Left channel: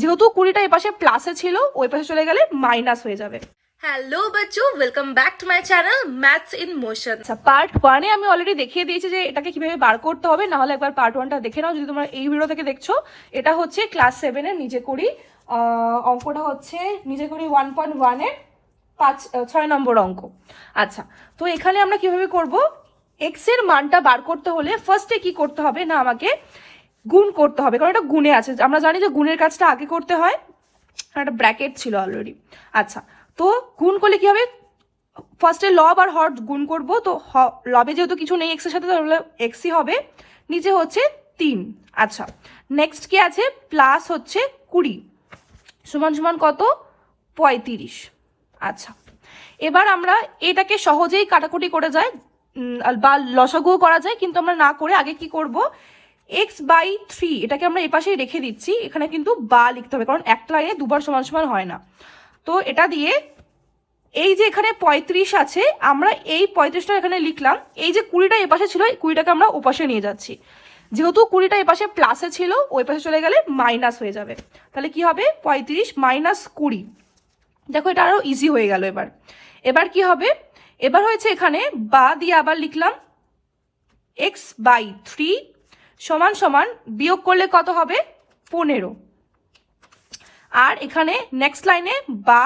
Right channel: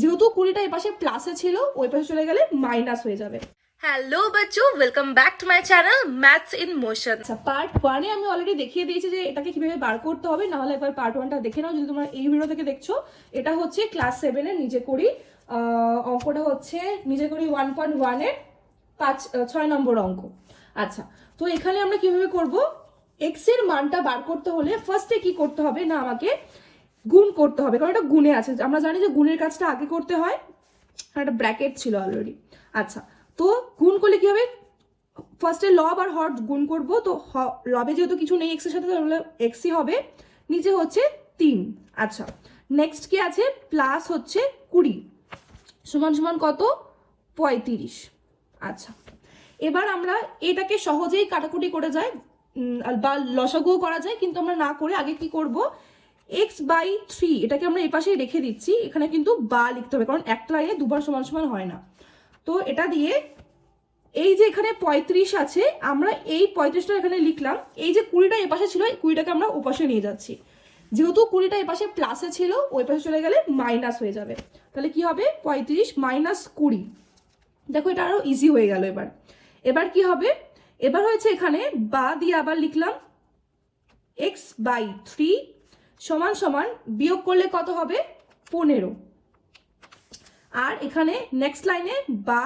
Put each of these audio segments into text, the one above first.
যেহেতু 20টা এই পাশে প্লাসে ছিল, ওই পাশে চলে গেলে মাইনাস হয়ে যাবে। Hello Bachchu, welcome back to my channel maths in motion. আচ্ছা, পার্ট 1-এ আমি অলরেডি দেখিয়ে দিয়েছি যে এটাকে কিভাবে বার করতে হবে, না হলে একবার পার্ট 1টা দেখে নাও যদি তোমরা এই ভিডিও থেকে দেখছো। এটা হচ্ছে ক্লাস 7-এর নিজে করি অঙ্কটা হচ্ছে নিজে করি 1.1-এর 6 নম্বর অঙ্ক। আচ্ছা, তো এখানে আমরা কিভাবে করব, এক্স এর মানটা বার করতে হলে ফার্স্টে কি করতে হবে না, আমাকে গুণ করতে হবে, কারণ এটা গুণে আছে। আমরা জানি যে গুণের কাজটা আগে করতে হয়, একটা ব্র্যাকেট ছিল অলরেডি। আচ্ছা, তো গুণ করলে কি হবে, ফার্স্টে লব আর হর গুণ করব, তো লবে যেহেতু কিছু নেই এক্সের সাথে, তাহলে এক্সই হবে, নিচে হচ্ছে 3। আচ্ছা, নেক্সট কি আছে, প্লাস হচ্ছে 20 সমান সমান কত, 35। আচ্ছা, এবার আমরা এটাকে সহজেই কাটাকুটি করে যায় বা লসাগুও করা যায়, কিন্তু আমরা না করে আগে কি করব, x/3 এটাকে আমরা এই পাশেই রেখে দিচ্ছি। এখানে কিন্তু বা লিখতে হবে, কারণ একটা লাইনে দুবার সমান সমান হয় না। তো এটা দিয়ে এই যে এখানে 35 আছে, আমরা এই 35টা এখানে লিখলাম। এই যে 20টা এ পাশে ছিল, 20টাকে আমরা ওপাশে নিয়ে যাচ্ছি। যেহেতু 20টা এ পাশে প্লাসে ছিল, ওই পাশে চলে গেলে মাইনাস হয়ে যাবে। তাহলে কি হবে, 35 মাইনাস 20। দেখো এটা আরো ইজি হয়ে গেল। এবার কি হবে, এবার হয়েছে এখানে বা দিয়ে আবার লিখলাম x/3 সমান সমান, বিয়োগ করলে কত হবে, 15। আর এখানে নেক্সট লাইনে বা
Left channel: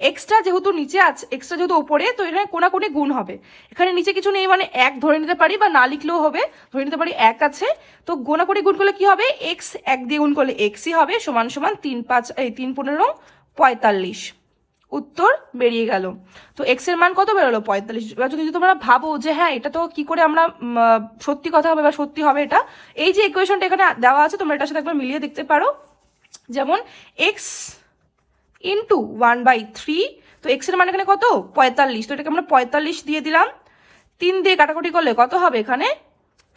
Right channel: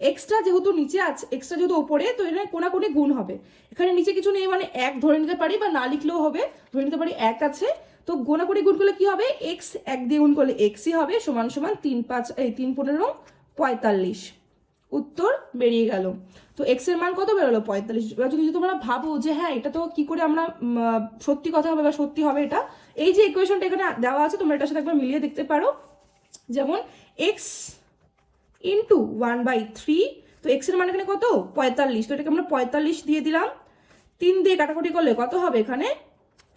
এক্সট্রা যেহেতু নিচে আছে, এক্সট্রা যেহেতু উপরে, তো এখানে কোনাকুনি গুণ হবে। এখানে নিচে কিছু নেই মানে 1 ধরে নিতে পারি, বা না লিখলেও হবে, ধরে নিতে পারি 1 আছে। তো গোনাকুনি গুণ করলে কি হবে, x 1 দিয়ে গুণ করলে xই হবে, সমান সমান 3 15 45। উত্তর বেরিয়ে গেল। তো x এর মান কত বেরোলো, 45। এবার যদি তোমরা ভাবো যে হ্যাঁ এটা তো কি করে আমরা সত্যি কথা হবে বা সত্যি হবে, এটা এই যে ইকুয়েশনটা এখানে দেওয়া আছে, তোমরা এটার সাথে একবার মিলিয়ে দেখতে পারো। যেমন x ইন্টু 1/3, তো এক্স এর মান এখানে কত, 45। তো এটাকে আমরা 45 দিয়ে দিলাম, 3 দিয়ে কাটাকুটি করলে কত হবে, এখানে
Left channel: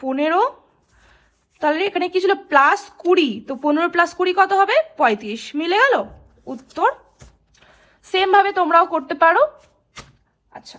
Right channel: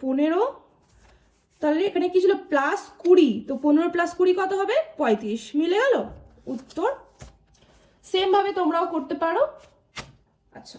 15। তাহলে এখানে কি ছিল, প্লাস 20, তো 15 প্লাস 20 কত হবে, 35। মিলে গেল উত্তর। সেম ভাবে তোমরাও করতে পারো। আচ্ছা।